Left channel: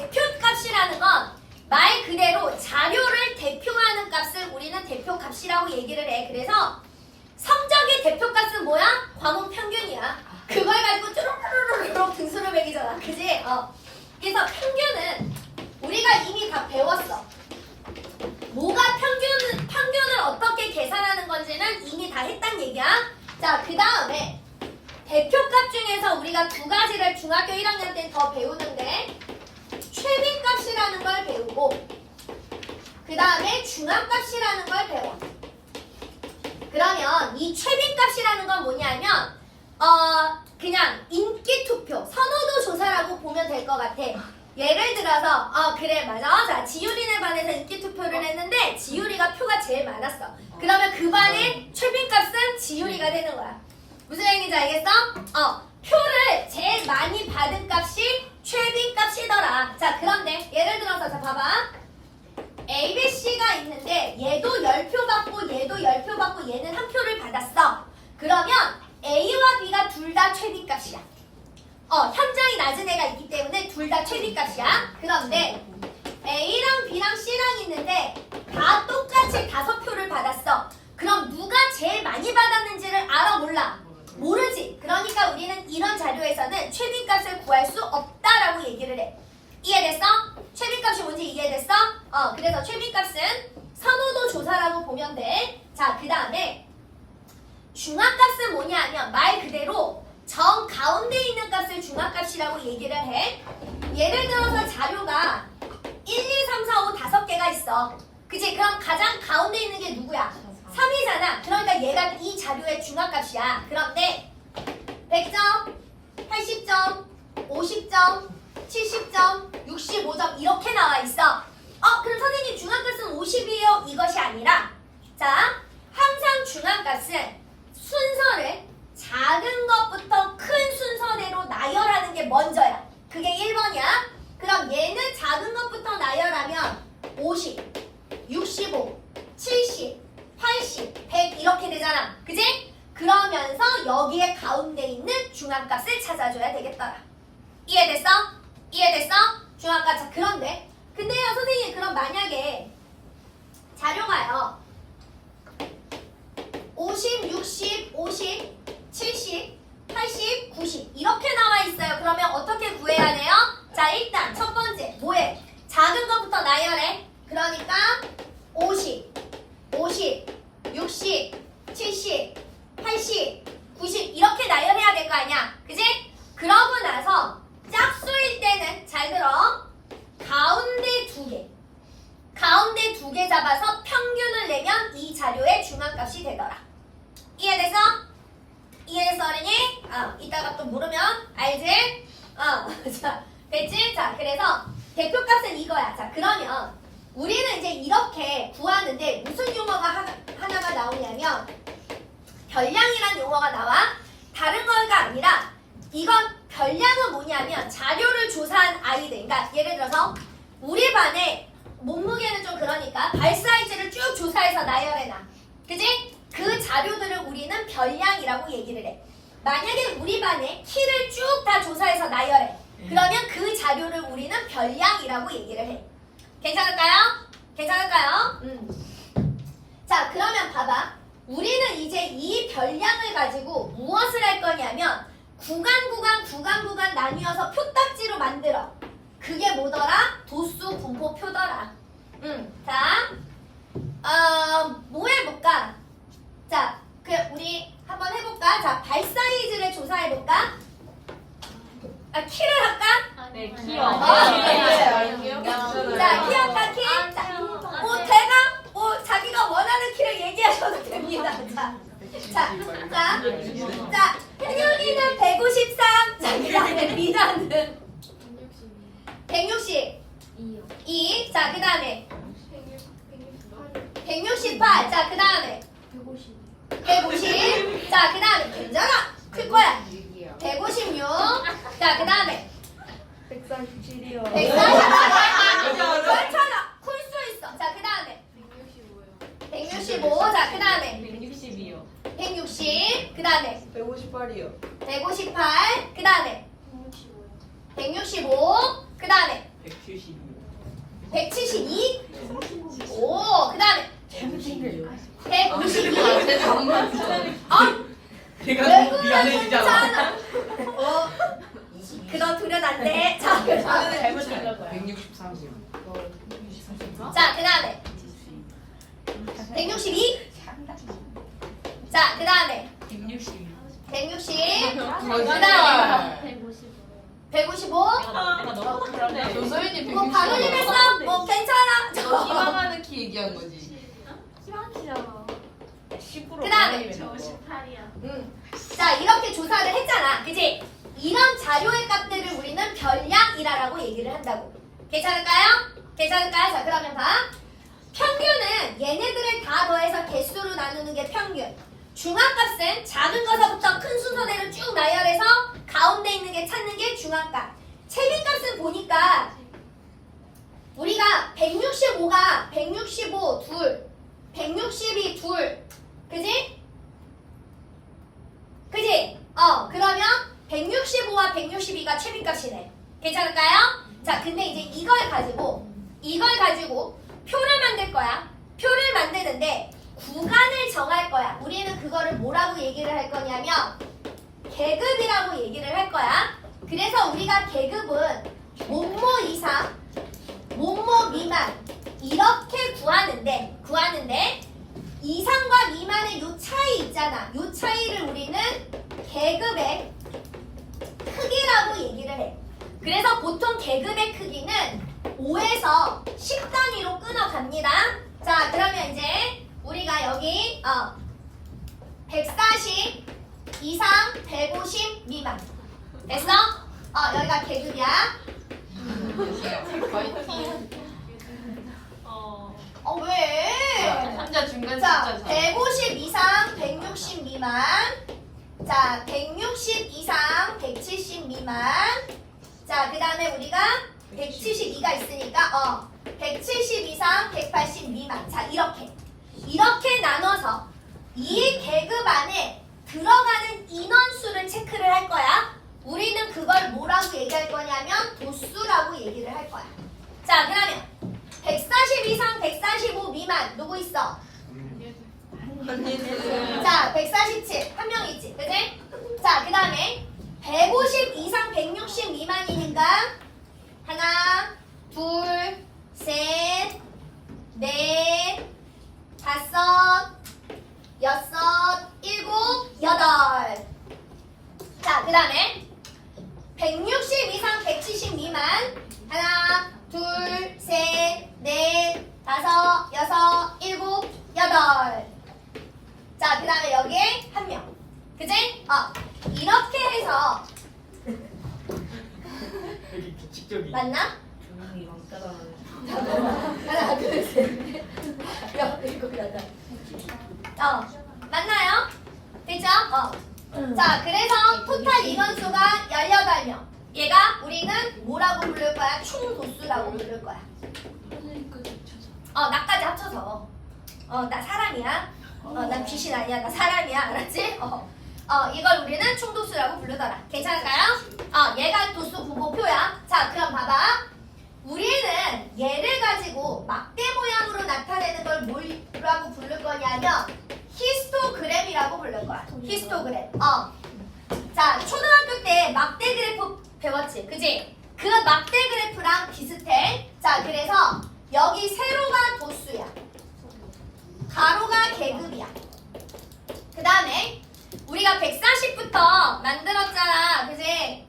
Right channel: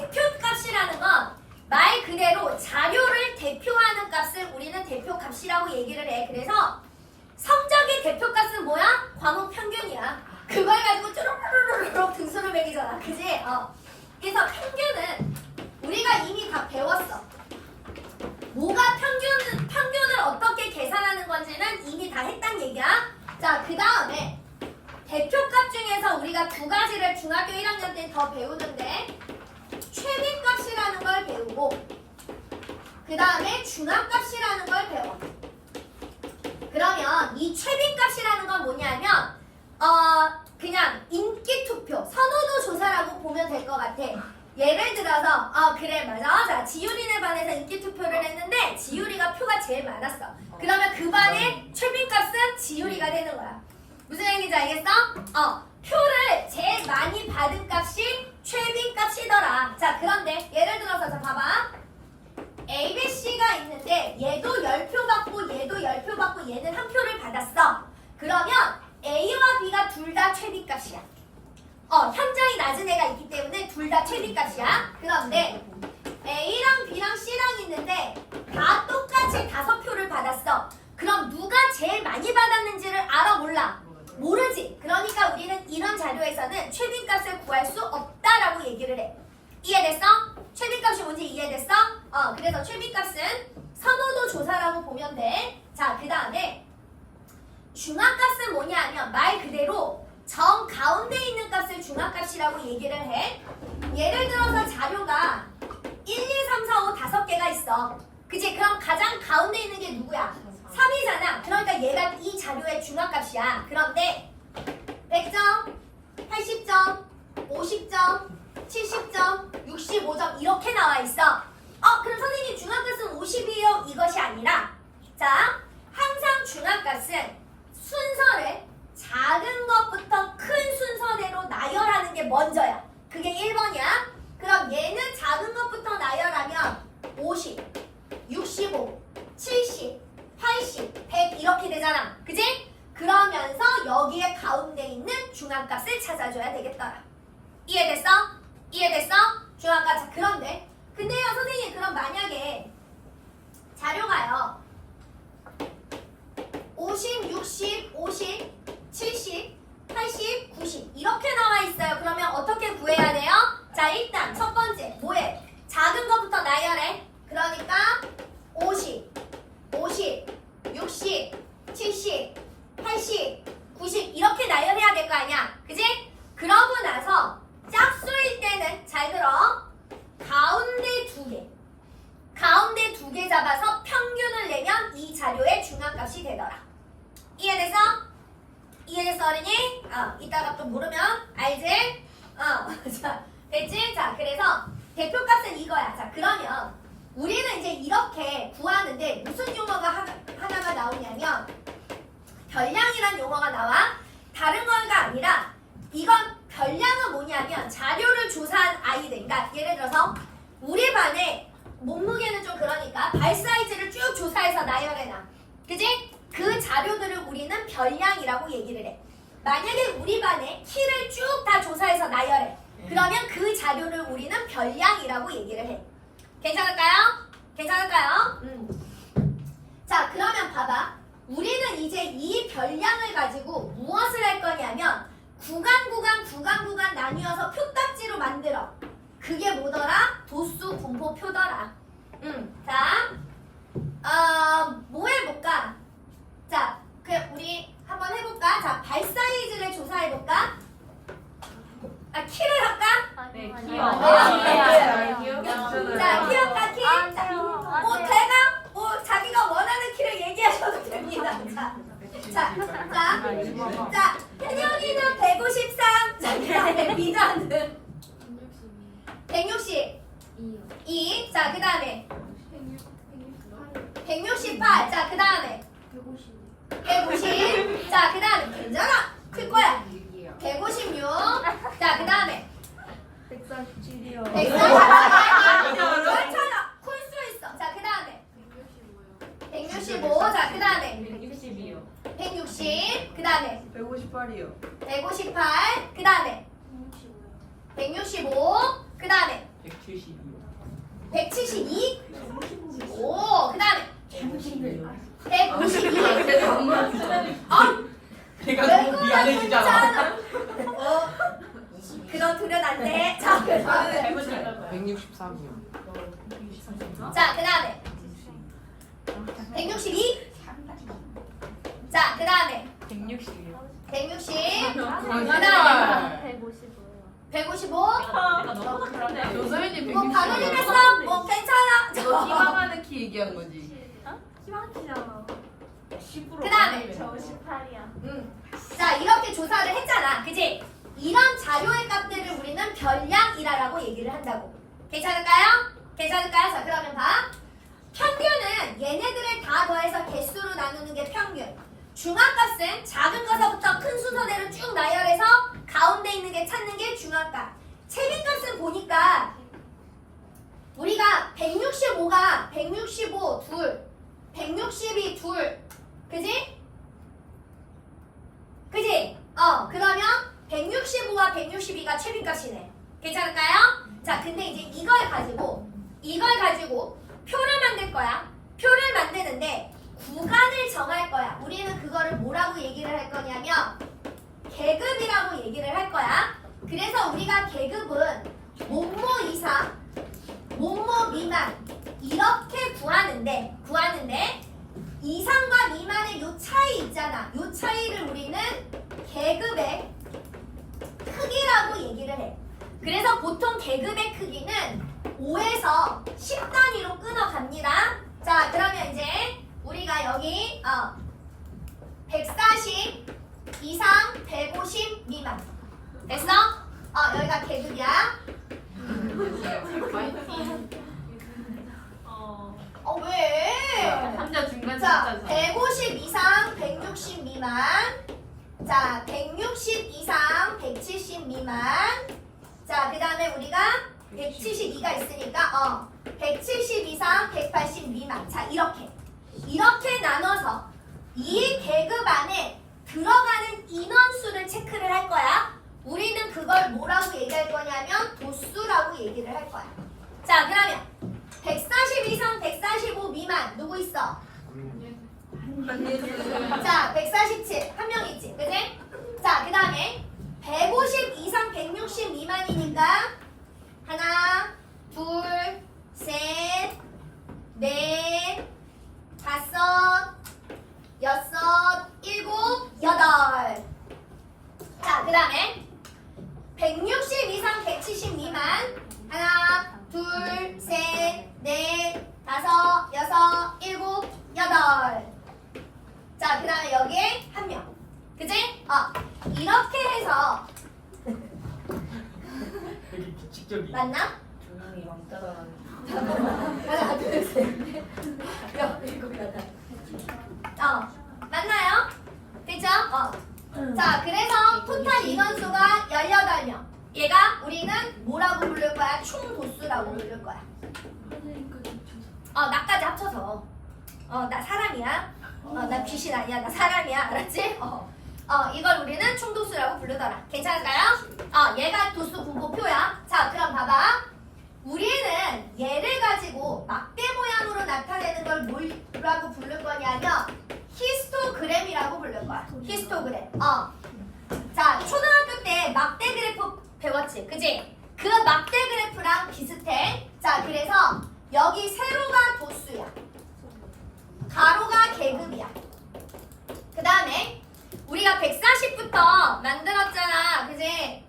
대표값이라는 건 말 그대로 자료를 대표하는 값을 우리는 대표값이라고 얘기를 해. 그래서 성적의 대표값은 뭐야? 과목 평균이야. 그걸 가지고 쭈루루루루 등수를 매기잖아. 그지? 그래서 평균은 우리가 이미 다 배웠어. 뭐가 평균을 어떻게 계산하는 건지는 이미 다 했단 얘기야. 자, 그 다음에 대표값 중에서 우리가 두 가지를 중학교 1학년 때는 더 배우는데 최빈값이라는 걸 배우고 그 다음에 중앙값이라는 걸 배워. 그러면 이 최빈값이라는 건 뭐냐면 그냥 인기투표, 선호도 조사라고 보면 될 것 같아. 예를 들어서 그래 맞아. 자, 지율이네 반에서 인기투표를 했는데 지율이가 표가 제일 많았어. 그러면 그 반의 최빈값은 지율이가 되는 거야. 무슨 얘기인지 알겠어? 표를 제일 많이 받은 값이 최빈값이더라. 자, 그런데 예를 들어서 자 봐봐. A, B, C가 있는데 얘도 10표 받고 얘도 10표 받고 얘는 한 표를 받았어. 그러면 A와 B가 둘 다 최빈값이야. 현장이 낮은 애가 있기 때문에 둘 다 최빈값이야. 그런데 A랑 B랑 C랑 있는데 다 똑같이 5표를 받았어. 그럼 누가 제일 많이 받았는지를 알아 몰라? 모르지. 그러니까 우리는 이런 자료에서는 최빈값을 구할 수 없다라고 얘기를 해. 이해됐어? 최빈값이 뭔지 이해됐어? 그래서 최빈값은 선호도 조사라고 보면 돼. 자, 그 다음에 중앙값은 뭐냐 하면 말 그대로 정 가운데 있는 값을 중앙값이라고 얘기를 해. 예를 들어서 자료가 1, 2, 3, 4, 5 5개가 있어. 그치? 그럼 가장 가운데 있는 게 누구야? 3이잖아. 그러니까 얘가 이 자료의 중앙값이야. 그런데 100점, 80점, 50점, 70점, 65점 이렇게 나와 있어. 그럼 선생님 중앙값은 50이에요? 이것이 아니라 자, 항상 중앙값은 순서를 작은 것부터 큰 순서대로 나열하는 게 먼저야. 그게 1번이야. 그럼 얘는 작은 것부터 나열하면 50, 65, 70, 80, 100 이렇게 되잖아. 그지? 그러면서 여기에 가운데 있는 중앙값을 찾아줘야 되겠더라. 이해됐어? 이해됐어? 중앙값. 자, 그런데 근데요 선생님 그럼 만약에 자료가요 50, 60, 50, 70, 80, 90 이렇게 나와 있어요. 그러면 어떻게 구해야 돼요? 자, 일단 첫 번째 뭐해? 작은 것부터 나열해. 그러니까 50, 50, 60, 70, 80, 90 이렇게 나열해야 될 거 아니야. 그지? 그러고 나서 짝수일 때는 잘 들어. 가운데 두 개 잡아서 평균을 내면 이 자료의 중앙값이 되더라. 이해됐어? 이해됐어 어린이? 이따가 또 모르면 알지? 자, 됐지? 자, 그래서 대표값은 이거야. 자, 그러면 우리는 이제 이렇게 구하는데 무슨 용어가 하나가 나오냐면 별량이란 용어가 나와. 다른 거가 아니라 이건 별량은 뭐냐면 자료를 조사한 아이들. 그러니까 예를 들어서 우리 반에 몸무게는 좀 그러니까 발 사이즈를 쭉 조사해서 나열해놔. 그지? 그 자료들을 우리는 별량이라고 얘기를 해. 만약에 우리 반에 키를 쭉 다 조사해서 나열해. 그러면 그 자료를 우리는 별량이라고 얘기를 해. 괜찮을까요? 괜찮을까요? 자, 그러면 봐봐. 우리는 이제 이 별량을 가지고 무엇을 할 거냐면 구간 나뉘어서 표딱지로 만들어. 그게 뭐더라? 도수 분포표더라. 자, 뭐 해볼까? 자, 우리 한번 해볼까? 자, 발 사이즈를 조사해볼까? 키를 할까? 네, 키요. 자, 키 할까? 키? 자, 자기가 원하는 키를 얘기하셔도 됩니다. 자, 현영이는 153. 자, 그 다음에 미나는 162. 자, 그 다음에 168. 자, 그 다음에 150. 자, 그 다음에 괜찮아. 클 거야. 156. 자, 그 다음에 147이요. 140. 괜찮아. 클 수 있어. 자, 그 다음에 165. 자, 그 다음에 160이요. 160. 그 다음에 158이요. 158. 그 다음에 165. 그 다음에 172요. 172. 오, 그 다음에 152요. 152. 어? 제가 왜 너무 그래, 미안해지잖아. 괜찮아. 그건 두려면 안 돼. 자, 그 다음에. 163이요. 자, 그 다음에 162. 자, 그 다음에 160이요. 160. 그 거짓말. 다음에 155. 조소연이 뭐 방울이 했어? 뭐 괜찮아. 희망하는 키 얘기한 거지. 그 다음에 저 18이야. 자, 이렇게 조사를 했잖아. 그치? 이런 자료의 값들을 우리는 별량이라고 얘기를 한다고. 괜찮을까요? 괜찮을까요? 자, 그러면 봐. 평균은 얘네들을 다 더해서 개수로 나누는 게 평균. 중앙값은 작은 것서부터 큰 순서대로 쭉 나열해서 가운데 있는 게 찾는 게 중앙값. 최빈값은 보니까 우리가 165가 165 둘, 162 둘, 그지? 그지? 그러면 165와 162가 최빈값이네. 괜찮을까요? 자, 근데 이제 이걸 가지고 표를 만들 거야. 표를 만드는데 구간을 정할 거야. 우리는 그거를 뭐라고 얘기를 할 거냐면 계급이라고 얘기를 할 거야. 그래서 우리가 계급은 뭐뭐 이상, 뭐뭐 미만 이렇게 구하는데 이상과 미만의 요 차이 있잖아. 요 차이를 우리는 계급의 크기라고 얘기를 해. 그래서 보통 계급의 크기는 5에서 10단위로 끊어갑니다. 자, 그러면 이제 우리가 여기 140 이상, 150 미만. 됐어? 여기가 계급이야. 왜? 혼자 중간 자, 숫자 150 이상, 160 미만. 자, 160 이상, 170 미만. 자, 그 다음에 우리가 172가 있으니까 170 이상, 180 미만. 자, 이렇게 나눠서 이 계급 안에 들어가는 인원수를 체크를 할 거야. 우리는 그걸 뭐라고 얘기할 거냐면 도수라고 얘기를 할 거야. 자, 그러면 140 이상, 145 미만 누구 있어? 자, 147 한 명 있지, 그지? 자, 그 다음에 150 이상, 160 미만이니까 하나, 둘, 셋, 넷, 다섯, 여섯, 일곱, 여덟. 자, 그 다음에 160 이상, 170 미만 하나, 둘, 셋, 넷, 다섯, 여섯, 일곱, 여덟. 자, 그 다음에 여기에 한 명. 그지? 이렇게 해서 되게 규칙적이. 맞나? 조용히 왕따당하는. 하나, 둘, 셋, 넷, 다섯, 일곱, 여덟. 맞나요? 됐죠? 자, 그래서 토탈 인원수가 18명. 얘가 우리는 뭐라고 부를 거야? 총도수라고 부를 거야. 나까지 합쳐서. 나 사람이야. 나 귀신 아니야. 나 사람이야. 알았지? 이걸 우리는 총도수라고 부르더라. 괜찮을까요? 얘가 도수 분모표야. 자, 그럼 봐봐. 우리는 얘를 가지고 막대 모양으로 나타내는 걸 뭐라고 부를 거냐면 히스토그램이라고 부를 거야. 히스토그램. 자, 초등학교 때 막대 그래프 배웠지? 그지? 그 막대 그래프랑 비슷해. 자, 그래서 여기 세로가 도수야. 가로가 계급이야. 그 다음에 우리가 140부터 만들었잖아. 그지?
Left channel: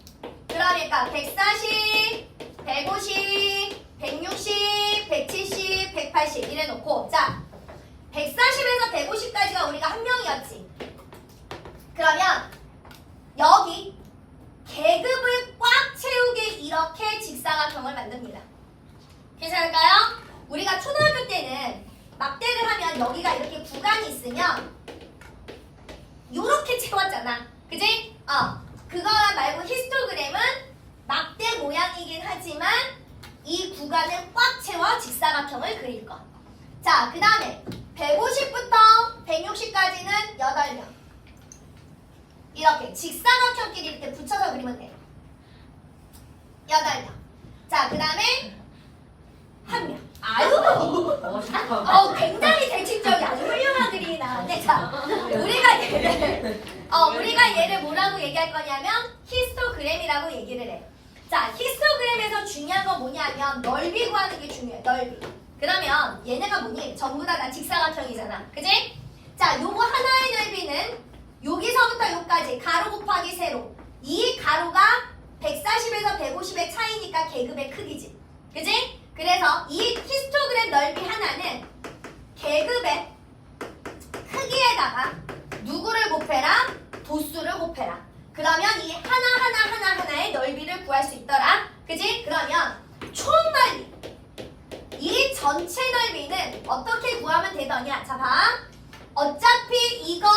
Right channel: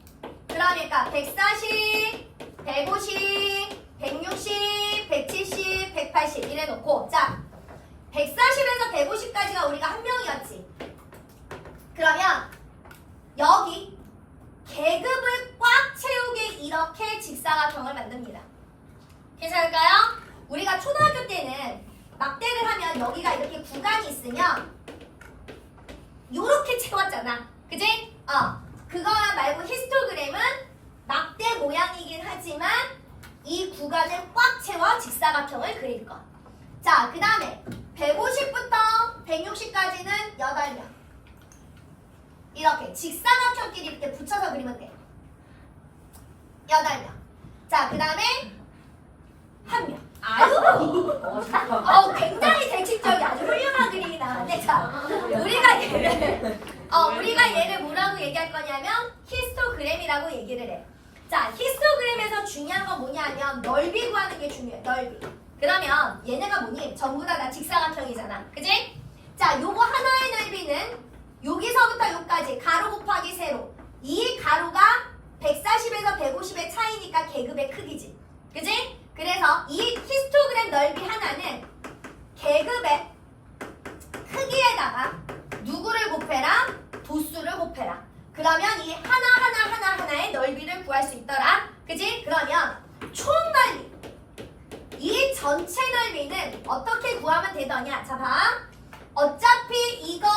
그러니까 140, 150, 160, 170, 180 이래놓고 자, 140에서 150까지가 우리가 한 명이었지. 그러면 여기 계급을 꽉 채우게 이렇게 직사각형을 만듭니다. 괜찮을까요? 우리가 초등학교 때는 막대를 하면 여기가 이렇게 구간이 있으면 요렇게 채웠잖아. 그지? 그거 말고 히스토그램은 막대 모양이긴 하지만 이 구간을 꽉 채워 직사각형을 그릴 것. 자, 그 다음에 150부터 160까지는 8명. 이렇게 직사각형끼리 이렇게 붙여서 그리면 돼. 8명. 자, 그 다음에 한 명. 아유. 굉장히 대칭적이 아주 훌륭한 그림이 나왔네. 자, 우리가 얘를 뭐라고 얘기할 거냐면 히스토그램이라고 얘기를 해. 자, 히스토그램에서 중요한 건 뭐냐면 넓이 구하는 게 중요해. 넓이. 그러면 얘네가 뭐니? 전부 다 직사각형이잖아. 그지? 자, 요거 하나의 넓이는 여기서부터 여기까지 가로 곱하기 세로. 이 가로가 140에서 150의 차이니까 계급의 크기지. 그지? 그래서 이 히스토그램 넓이 하나는 계급의 크기에다가 누구를 곱해라? 도수를 곱해라. 그러면 이 하나의 넓이를 구할 수 있더라. 그지? 그러면 총 넓이. 이 전체 넓이는 어떻게 구하면 되더냐? 자, 봐. 어차피 이거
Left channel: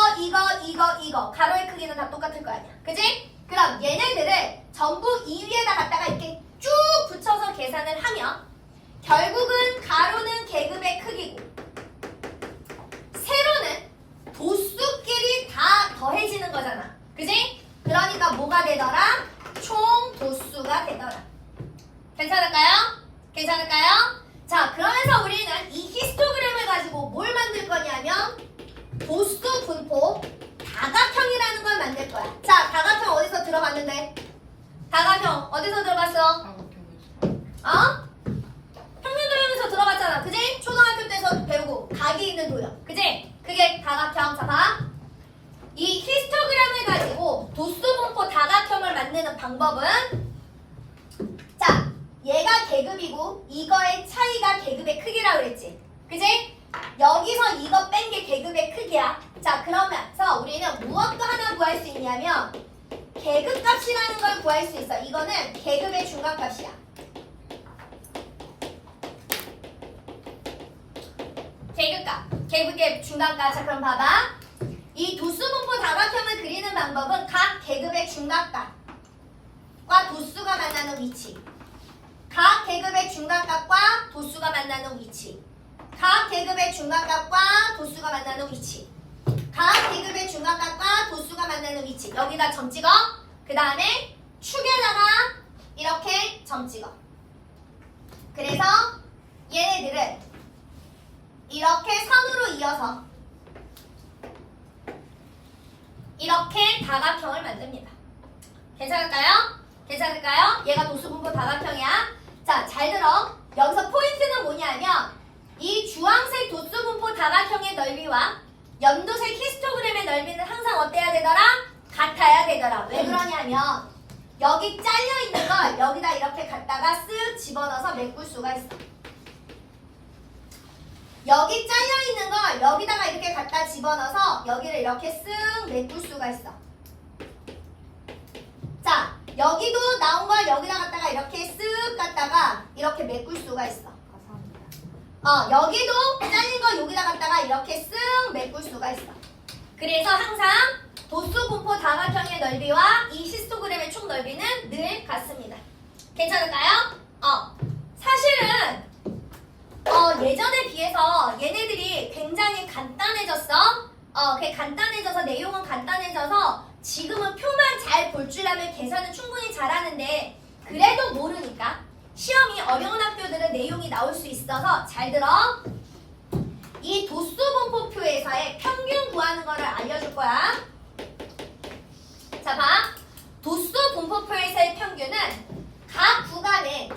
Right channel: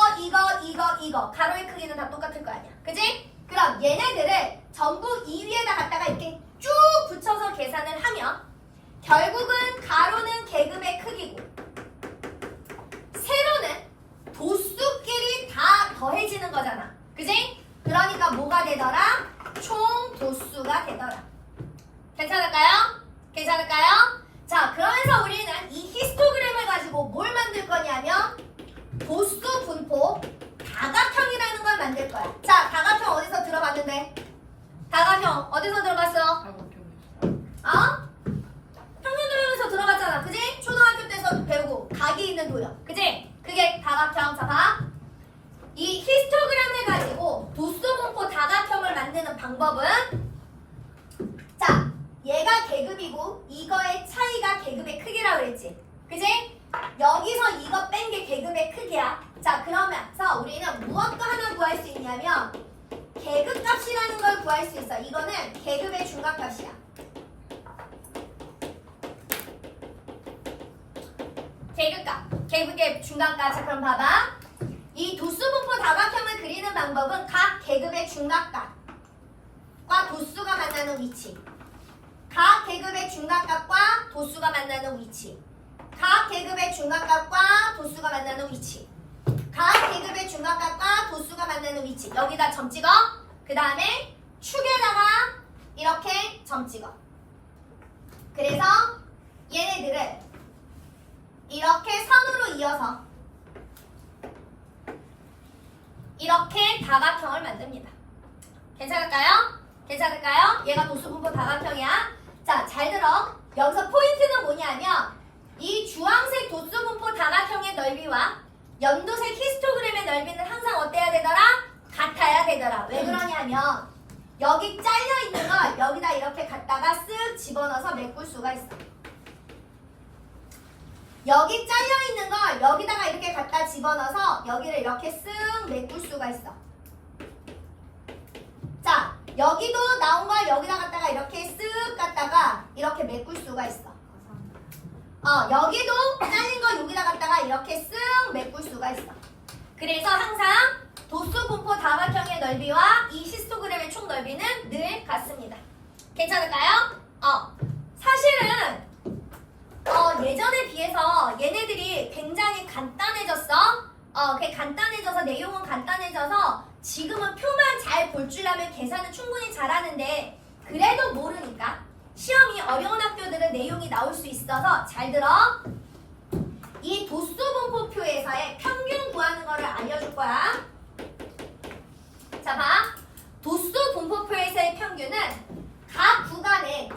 가로의 크기는 다 똑같을 거 아니야. 그지? 그럼 얘네들을 전부 이 위에다 갖다가 이렇게 쭉 붙여서 계산을 하면 결국은 가로는 계급의 크기고 세로는 도수끼리 다 더해지는 거잖아. 그지? 그러니까 뭐가 되더라? 총 도수가 되더라. 괜찮을까요? 괜찮을까요? 자, 그러면서 우리는 이 히스토그램을 가지고 뭘 만들 거냐면 도수 분포 다각형이라는 걸 만들 거야. 자, 다각형 어디서 들어봤는데? 다각형 어디서 들어봤어? 평면 도형에서 들어봤잖아. 그지? 초등학교 때서 배우고 각이 있는 도형. 그지? 그게 다각형. 자, 봐. 이 히스토그램을 가지고 도수 분포 다각형을 만드는 방법은 자, 얘가 계급이고 이거의 차이가 계급의 크기라고 그랬지. 그지? 여기서 이거 뺀 게 계급의 크기야. 자, 그러면서 우리는 무엇도 하나 구할 수 있냐면 계급값이라는 걸 구할 수 있어. 이거는 계급의 중간값이야. 계급의 중간값. 자, 그럼 봐봐. 이 도수분포 다각형을 그리는 방법은 각 계급의 중간값과 도수가 만나는 위치. 각 계급의 중간값과 도수가 만나는 위치. 각 계급의 중간값과 도수가 만나는 위치. 각 계급의 중간값과 도수가 만나는 위치. 여기다 점 찍어. 그 다음에 축에다가 이렇게 점 찍어. 그래서 얘네들을 이렇게 선으로 이어서 이렇게 다각형을 만듭니다. 괜찮을까요? 괜찮을까요? 얘가 도수분포 다각형이야. 자, 잘 들어. 여기서 포인트는 뭐냐면 이 주황색 도수분포 다각형의 넓이와 연두색 히스토그램의 넓이는 항상 어때야 되더라? 같아야 되더라. 왜 그러냐면 여기 잘려있는 걸 여기다 이렇게 갖다가 쓱 집어넣어서 메꿀 수가 있어. 여기 잘려있는 걸 여기다가 이렇게 갖다 집어넣어서 여기를 이렇게 쓱 메꿀 수가 있어. 자, 여기도 나온 걸 여기다 갖다가 이렇게 쓱 갖다가 이렇게 메꿀 수가 있어. 여기도 잘린 거 여기다 갖다가 이렇게 쓱 메꿀 수가 있어. 그래서 항상 도수분포 다각형의 넓이와 이 히스토그램의 총 넓이는 늘 같습니다. 괜찮을까요? 사실은 예전에 비해서 얘네들이 굉장히 간단해졌어. 간단해져서 내용은 간단해져서 지금은 표만 잘 볼 줄 알면 계산은 충분히 잘하는데 그래도 모르니까 시험이 어려운 학교들은 내용이 나올 수 있어서 잘 들어. 이 도수분포표에서의 평균 구하는 거를 알려줄 거야. 자, 봐. 도수분포표에서의 평균은 각 구간의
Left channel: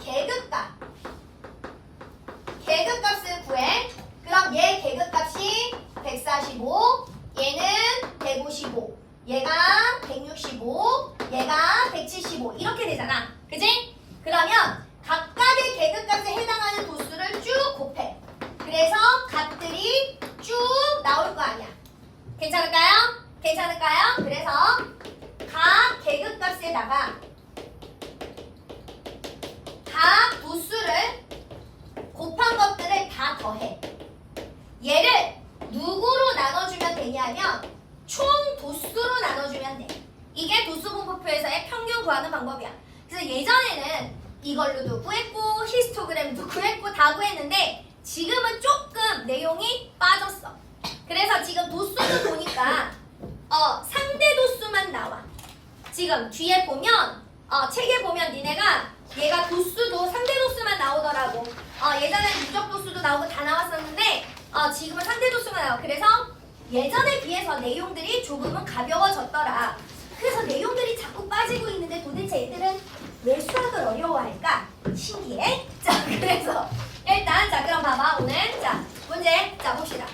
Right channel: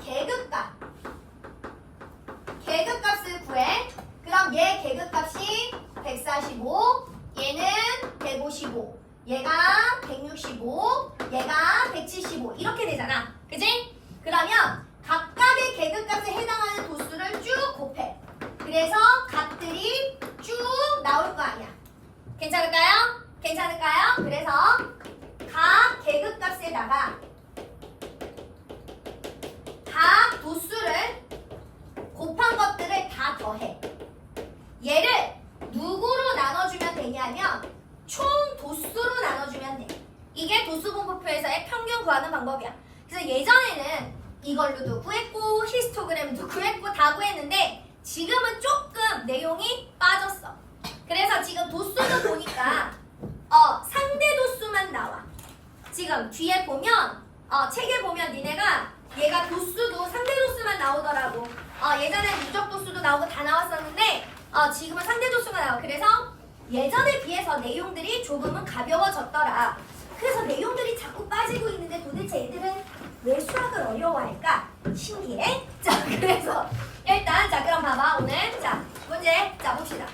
계급값을 구해. 그럼 얘 계급값이 145, 얘는 155, 얘가 165, 얘가 175 이렇게 되잖아. 그지? 그러면 각각의 계급값에 해당하는 도수를 쭉 곱해. 그래서 값들이 쭉 나올 거 아니야. 괜찮을까요? 괜찮을까요? 그래서 각 계급값에다가 각 도수를 곱한 것들을 다 더해. 얘를 누구로 나눠주면 되냐면 총 도수로 나눠주면 돼. 이게 도수분포표에서의 평균 구하는 방법이야. 그래서 예전에는 이걸로도 구했고 히스토그램도 구했고 다 구했는데 지금은 조금 내용이 빠졌어. 그래서 지금 도수도 보니까 상대 도수만 나와. 지금 뒤에 보면 책에 보면 니네가 얘가 도수도 상대 도수만 나오더라고. 예전에 누적 도수도 나오고 다 나왔었는데 지금은 상대 도수가 나와. 그래서 예전에 비해서 내용들이 조금은 가벼워졌더라. 그래서 내용들이 자꾸 빠지고 있는데 도대체 애들은 왜 수학을 어려워할까? 신기해. 자, 그래서 일단 자 그럼 봐봐 오늘 자 문제 자 봅시다.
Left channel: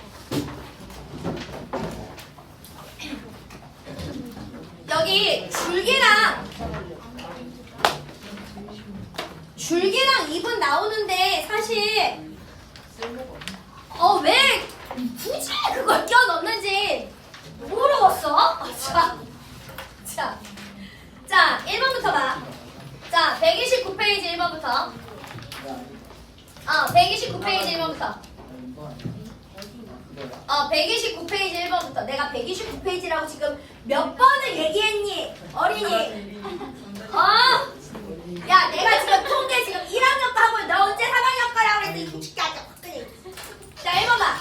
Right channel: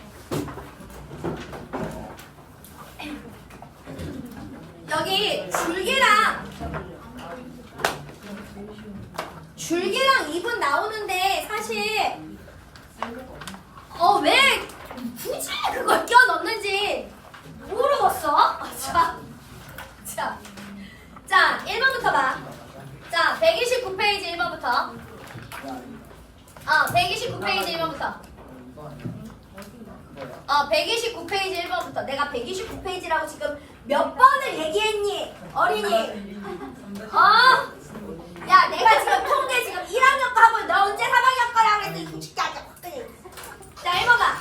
여기 줄기랑 입은 나오는데 사실 왜 굳이 그걸 껴 넣는지 모르겠어. 자 1번부터 봐. 자 129페이지 1번부터 129페이지 1번부터 129페이지 1번부터 내가 129페이지라고 지금 몇 번을 얘기했니? 어린이 야 내가 지금 통계 지금 1학년 거 하고 너 언제 3학년 거라고 그랬더니 솔직히 아까 확근히 자 1번 봐.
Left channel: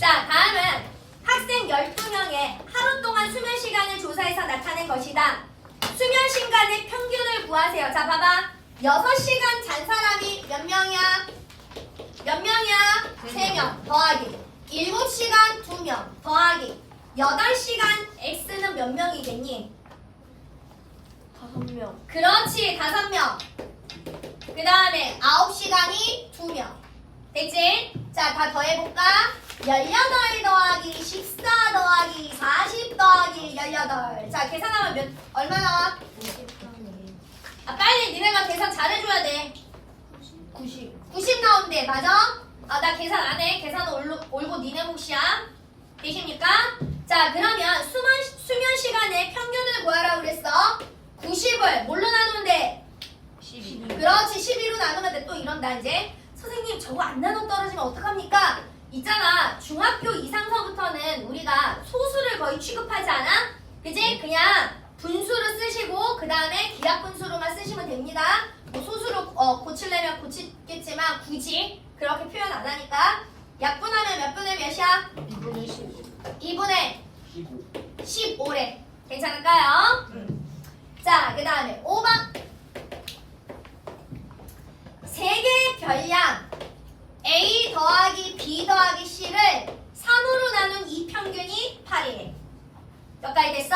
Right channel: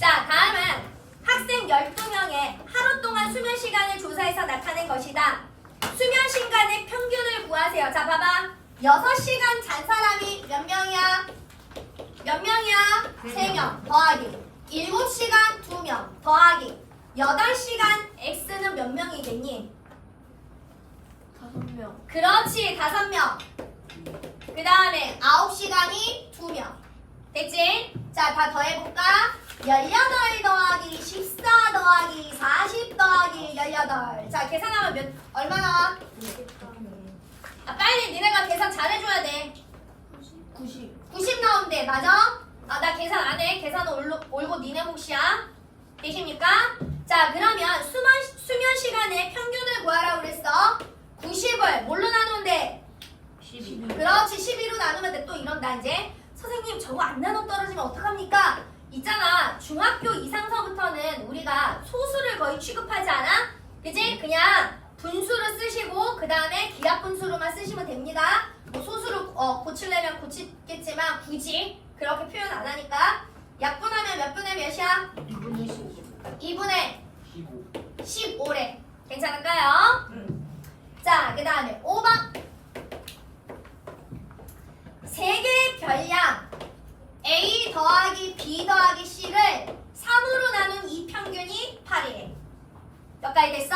자 다음은 학생 12명의 하루 동안 수면 시간을 조사해서 나타낸 것이다. 수면 시간의 평균을 구하세요. 자 봐봐 6시간 잔 사람이 몇 명이야? 몇 명이야? 3명 더하기 7시간 2명 더하기 8시간 X는 몇 명이겠니? 5명. 그렇지 5명. 그 다음에 9시간이 2명 됐지? 자 다 더해볼까? 18 더하기 14 더하기 40 더하기 18 자 계산하면 얼마 나와? 빨리 니네가 계산 잘해줘야 돼. 90 나온대 맞아? 나 계산 안 해. 계산은 올고 니네 몫이야. 되십니까? 자 그러면 수면 시간의 평균을 구하라고 그랬어. 90을 뭘로 나누는데? 12. 그렇지 12로 나누면 돼. 또 이런다 이제. 선생님 저거 안 나눠 떨어지면 어떡합니까? 있잖아 중학교 이상서부터는 우리가 소수를 거의 취급하지 않아? 그지? 그냥 분수를 쓰시고 그 다음에 기하 분수로만 쓰시면 됩니다. 뭐 소수로 고치려면 고치겠지만 굳이 그렇게 표현 안 하니까 약분하면 몇 분의 몇이야? 2분의 15래. 괜찮을까요? 자, 그 다음에 5번. 세개의 별량 A 더하기 B 더하기 C를 3으로 나눈 이 평균이 8이래. 몇 가지 됐어?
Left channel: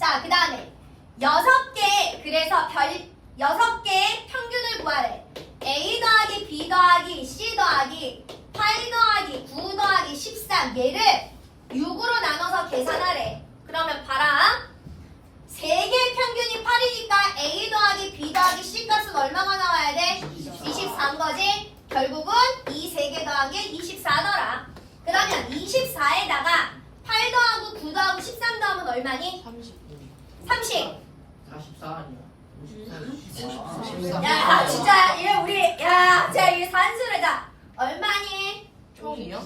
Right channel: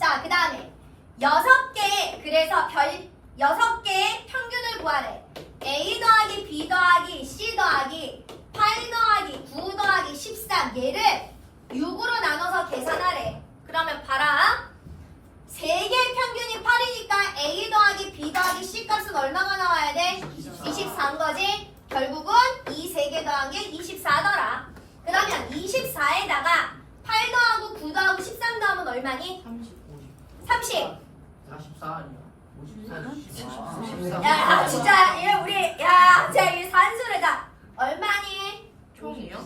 자, 그 다음에 6개, 그래서 6개의 평균을 구하래. A 더하기 B 더하기 C 더하기 8 더하기 9 더하기 13 얘를 6으로 나눠서 계산하래. 그러면 봐라. 3개의 평균이 8이니까 A 더하기 B 더하기 C 값은 얼마가 나와야 돼? 24인 거지? 결국은 이 3개 더한 게 24더라. 그러면 24에다가 8 더하고 9 더하고 13 더하면 얼마니? 30. 44 아니야? 54. 야, 진짜 이거 우리 자, 이 산수를 다 얼마니? 총이요?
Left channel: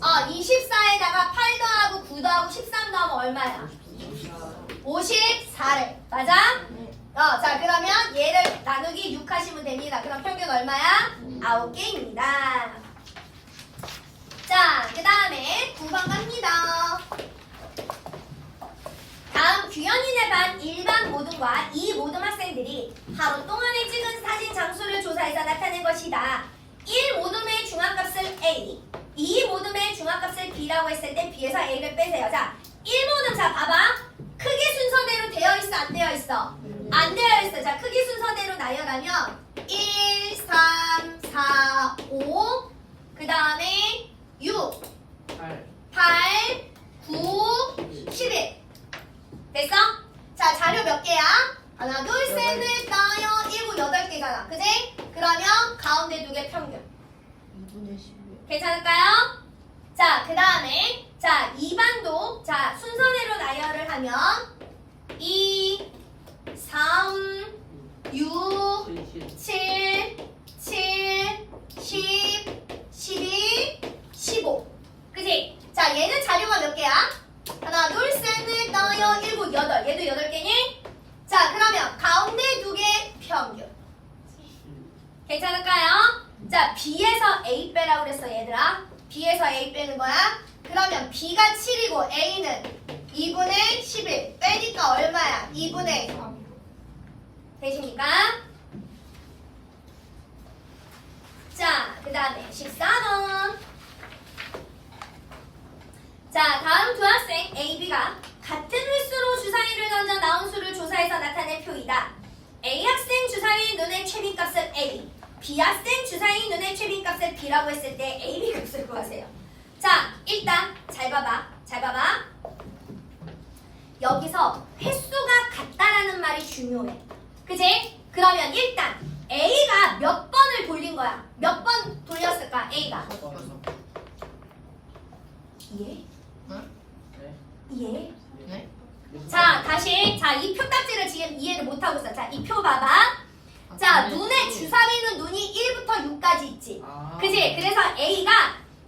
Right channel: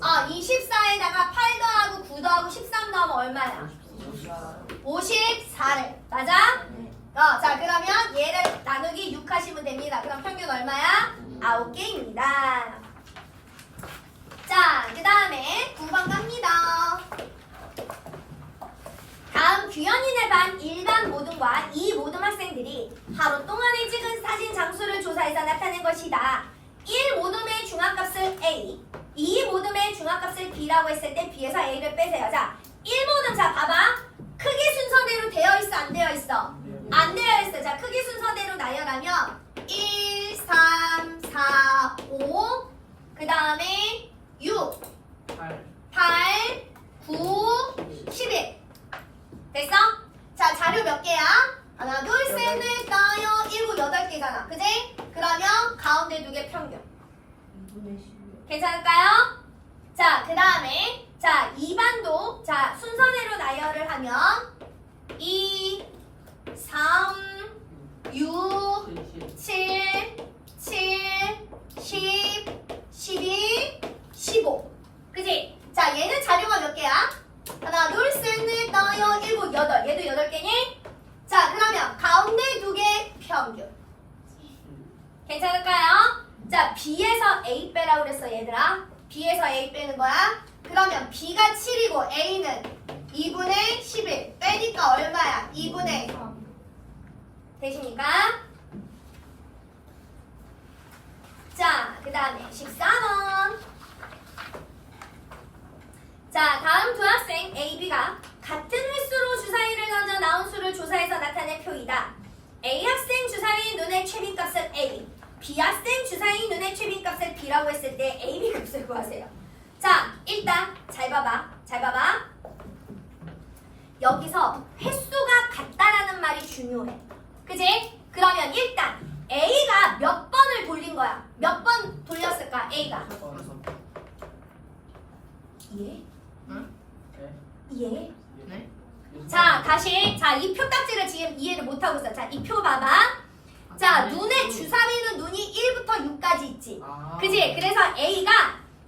24에다가 8 더하고 9 더하고 13 더하면 얼마야? 54를. 맞아? 자, 그러면 얘를 나누기 6 하시면 됩니다. 그럼 평균 얼마야? 9개입니다. 자, 그 다음에 9번 갑니다. 다음 규현이네 반 일반 모둠과 이 모둠 학생들이 하루 동안에 찍은 사진 장수를 조사해서 나타낸 것이다. 1 모둠의 중앙값을 A, 2 모둠의 중앙값을 B라고 했을 때 B에서 A를 빼세요. 자, 1 모둠 자 봐봐. 크기 순서대로 되어 있어 안 되어 있어? 안 되어 있어. 자, 크기 순서대로 나열하면 1, 3, 4, 5, 그 다음에 6, 8, 9, 11. 됐어? 자, 자료 몇 개야? 하나, 둘, 셋, 넷, 다섯, 여섯, 일곱, 8개잖아. 그지? 그러면 가운데 2개 평균. 괜찮을까요? 자, 그 다음에 자, 2반도 자, 순서대로 나열을 하면 2, 3, 6, 7, 7, 10, 12, 15. 그지? 자, 얘는 자료가 몇 개야? 하나, 둘, 셋, 넷, 다섯, 여섯, 일곱, 8. 얘도 8개니? 자, 그러면 가운데 2개 평균. 괜찮을까요? 자, B에서 A 빼라고 그랬어, 얘들아. B에서 A 빼는 거야. 그러면 B가 7이고 A는 2분의 11. 빼니까 얼마야? 2분의 3. 되십니까? 자, 그 다음에 14번. 자, 다음 두 학생 A, B가 같은 횟수로 주사위를 던져 나온 수를 조사해서 나타낸 표이다. A 학생 주사위 눈의 최빈값을 A, B 학생 주사위 눈의 최빈값을 B라고 했을 때 A, B 값을 구하세요. 자, 일단 잘 봐봐. 잘 봐봐. 여기서 횟수가 같다라는 말이 중요해. 그지? 그러면 일단 A가 몇 번을 돌린 거야? 몇 번 돌렸을까? A가. 이해? 이해? 네? 자, 다시. 자, 이 표딱지를 지금 이해를 못하고 있어. 자, 이 표 봐봐. 자, 눈의 주사위는 눈이 1부터 6까지 있지. 그지? 그래서 A가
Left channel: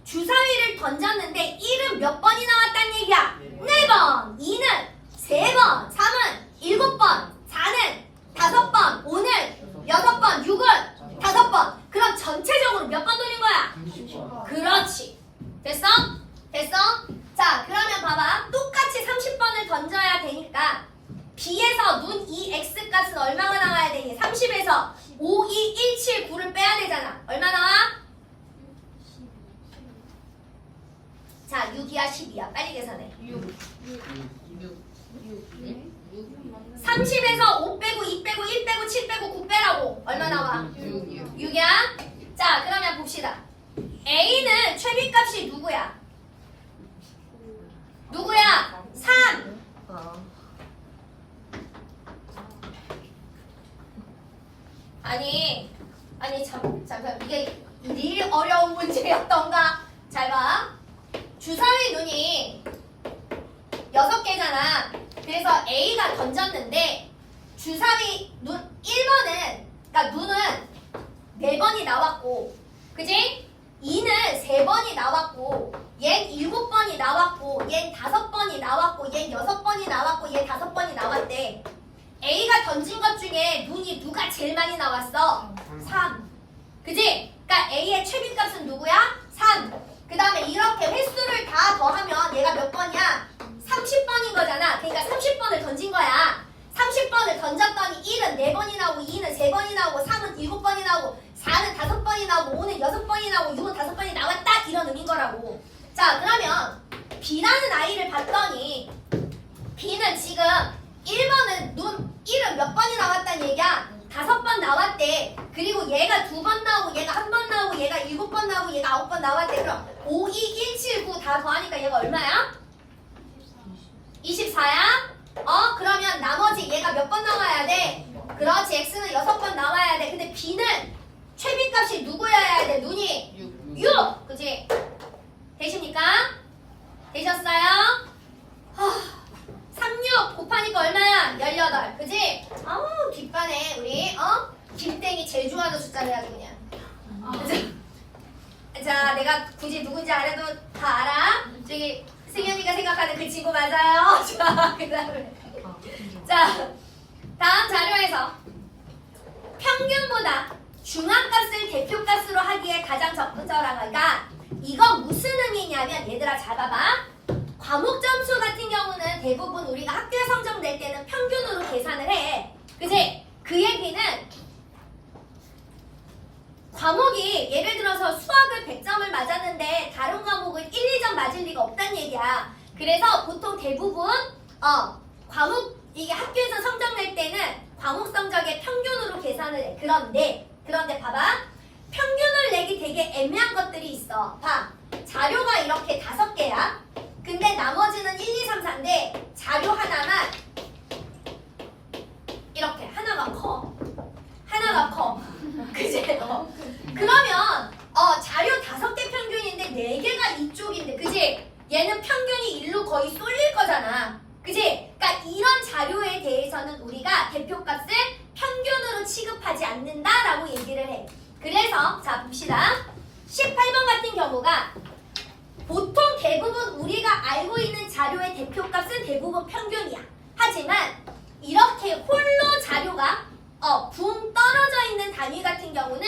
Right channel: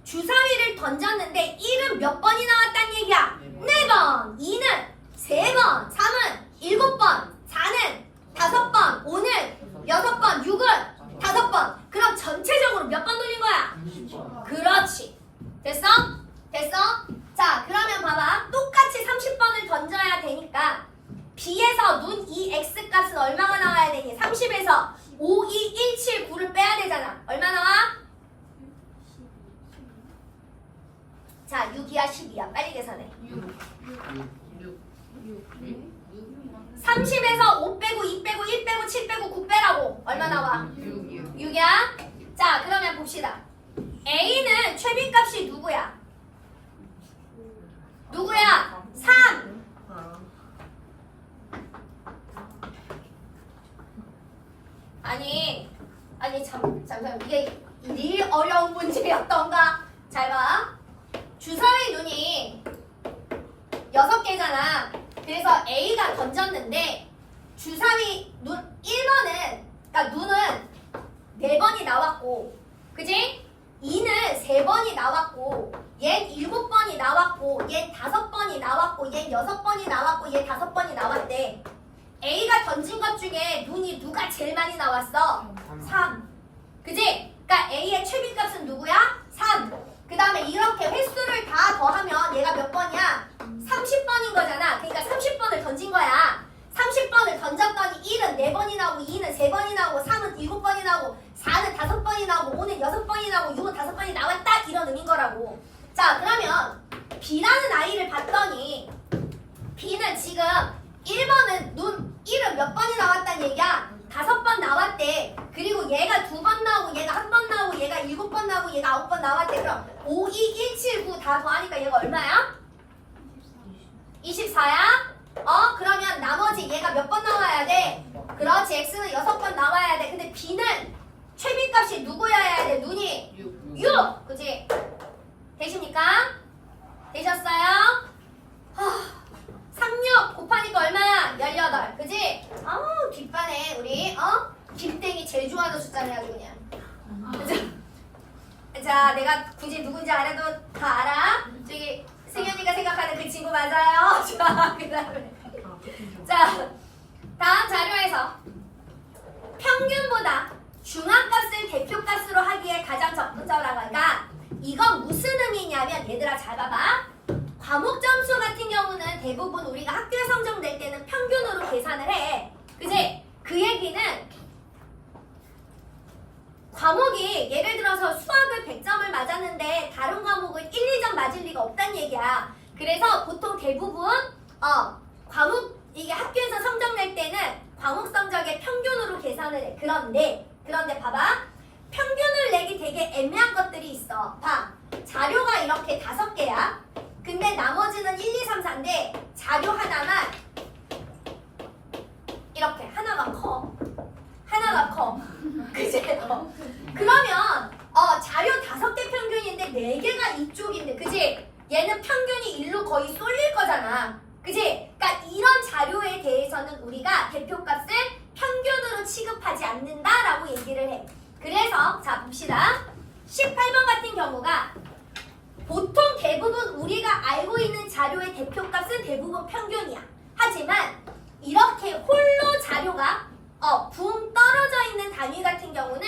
주사위를 던졌는데 1은 몇 번이 나왔단 얘기야? 4번. 2는 3번. 3은 7번. 4는 5번. 5는 6번. 6은 5번. 그럼 전체적으로 몇 번 돌린 거야? 30번. 그렇지. 됐어? 됐어? 자, 그러면 봐봐. 똑같이 30번을 던져야 되니까 B에서 눈 이 X값은 얼마가 나와야 되니? 30에서 5, 2, 1, 7, 9를 빼야 되잖아. 얼마 나와? 자, 6이야, 10이야. 빨리 계산해. 30에서 5 빼고 2 빼고 1 빼고 7 빼고 9 빼라고. 얼마 나와? 6이야? 자, 그러면 봅시다. A는 최빈값이 누구야? 누구야? 3. 아니 잠깐 이게 이 어려운 문제였던가? 잘 봐. 주사위 눈이 6개잖아. 그래서 A가 던졌는데 주사위 눈 1번은 그러니까 눈은 4번이 나왔고, 그지? 2는 3번이 나왔고, 얜 7번이 나왔고, 얜 5번이 나왔고, 얜 6번이 나왔고, 얜 5번이 나왔대. A가 던진 것 중에 눈이 누가 제일 많이 나왔어? 3. 그지? 그러니까 A의 최빈값은 누구야? 3. 그 다음에 이렇게 횟수를 다 더하면 얘가 몇 번이야? 30번인 거잖아. 그러니까 30번을 던진 거야. 30번을 던졌더니 1은 4번이 나오고, 2는 3번이 나오고, 3은 7번이 나오고, 4는 5번이 나오고, 5는 6번이 나오고, 6은 5번이 나왔다, 이런 의미인 거라고. 자, 그러면 B라는 아이를 봤더니 B는 지금 1번은 눈 1은 몇 번이 나왔단 얘기야? 5번 나왔대. 그리고 얘가 2번 나오고, 얘가 1번 나오고, 얘가 7번 나오고, 얘가 9번 나왔대. 그럼 5, 2, 1, 7, 9 다 더하니까 얘가 얼마야? 24야? 그러면 나머지 얘가 몇 번 나와야 돼? 그렇지, X는 6번 나와야 돼. 근데 B는 최빈값이 누구여야 돼? 눈이 6! 그치? 되십니까? 되셨어요? 36 곱하니까 얼마야? 18. 그치? 아우, 빗반에 우리 김땡이 제일 좋아하는 숫자네 아주 그냥. 자, 내가 굳이 누군지 안 해도 다 알아. 저기 승현이가 생각하는 그 친구 맞아요. 자, 그다음에 자, 다음 자료에서 평균보다 중앙값을 대표값으로 하기에 가장 적절하니까 이건 무슨 의미냐면 얘들아 잘 봐봐. 과목 점수 같은 경우는 대부분 우리가 학교에 성적 낼 때는 평균으로 계산을 해. 그치? 그 얘기는 과목이 예를 들어서 수학을 100점을 맞았는데 다른 과목은 1, 2점 맞을 리가 없다는 얘기야. 그래서 보통 대부분 과목 이게 학교에서 성적 낼 때는 과목 성적의 평균으로 계산을 해. 그런데 봐봐. 평균을 내기 되게 애매한 것들이 있어. 봐. 자료가 이렇게 5개야. 근데 나머지는 1, 2, 3, 4인데 자료 하나만 이렇게 하나가 커. 그치? 그러면 자료 5개 평균인데 4개가 이쪽인데, 그치? 얘는 평균이 1로 거의 쏠릴 거잖아. 그치? 그러니까 이런 자료에 대해서는 우리가 대표값을 평균으로 취급하지 않는다라고 얘기를 해. 그래서 자 봅시다. 18번 같은 경우가 보통 대부분 우리가 알고 있는 자료의 대표값은 대부분 평균이야. 하지만 이렇게 홀로 자료가 붕 떨어져 있는 단위 같은 경우는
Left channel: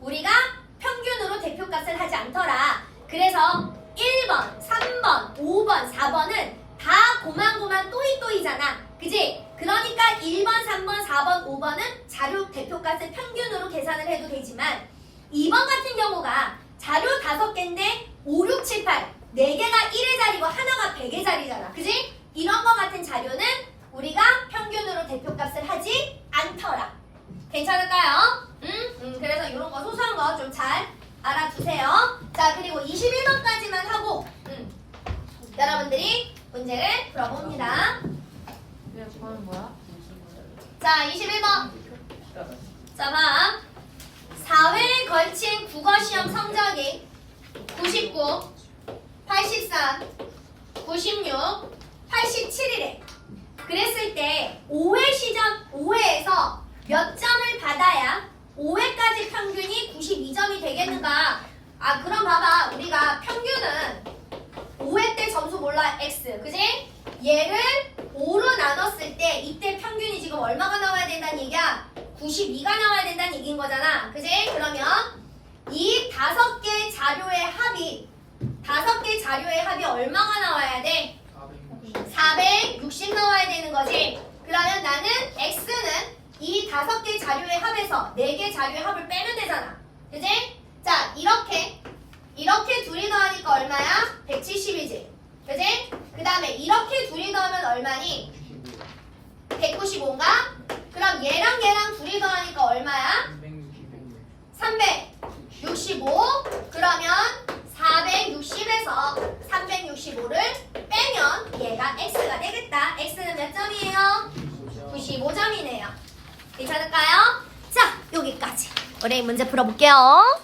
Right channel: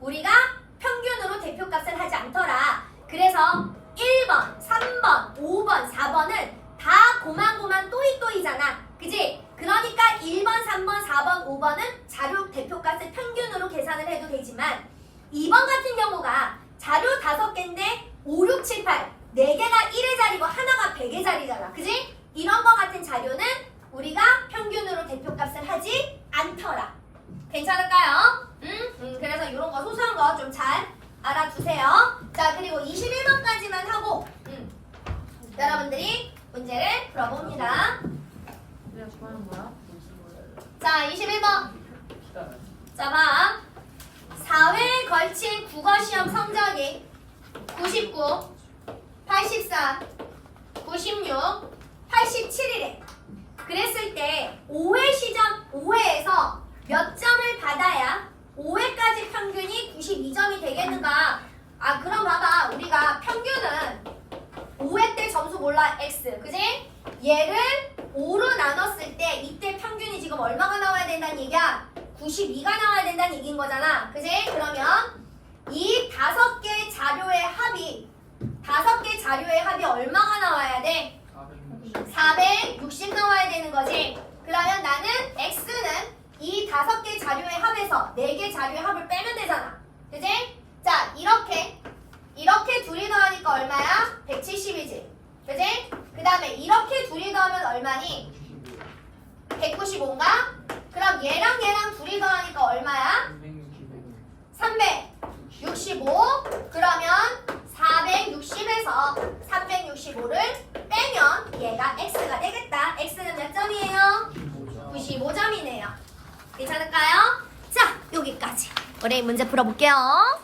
우리가 평균으로 대표값을 하지 않더라. 그래서 1번, 3번, 5번, 4번은 다 고만고만 또이또이잖아. 그지? 그러니까 1번, 3번, 4번, 5번은 자료 대표값을 평균으로 계산을 해도 되지만 2번 같은 경우가 자료 5개인데 5, 6, 7, 8 4개가 1의 자리고 하나가 100의 자리잖아. 그지? 이런 거 같은 자료는 우리가 평균으로 대표값을 하지 않더라. 괜찮을까요? 그래서 이런 거 소소한 거 좀 잘 알아두세요. 자, 그리고 21번까지만 하고 여러분들이 문제를 풀어봅니다. 내가 좋아하는 거야? 자, 21번. 자, 봐. 4회에 걸친 국어시험 성적이 99, 83, 96, 87이래. 그랬을 때 5회에서 몇 점을 받아야 5회까지 평균이 92점이 되겠는가? 아, 그럼 봐봐. 우리가 평균은 5회 때 점수 몰라, X. 그지? 얘를 5로 나눴을 때 이때 평균이 지금 얼마가 나와야 된다는 얘기야? 92가 나와야 된다는 얘기인 거잖아. 그지? 그러면 이 5개 자료의 합이 얼마가 나와야 돼? 460 나와야 되는 거지. 그러면 나는 X는 이 5개 자료의 합에서 4개 자료의 합을 빼면 되잖아. 그지? 자, 이렇게 둘이 더하니까 얼마야? 170이지. 그지? 그 다음에 이렇게 둘이 더하면 얼마니? 195인가? 그럼 얘랑 둘이 더하니까 얼마야? 365. 그러면 460에서 365를 빼면 얘가 X가 되겠다. X는 몇 점이에요? 95점이네요. 괜찮을까요? 자, 여기까지. 우리 문제 풀어볼게요.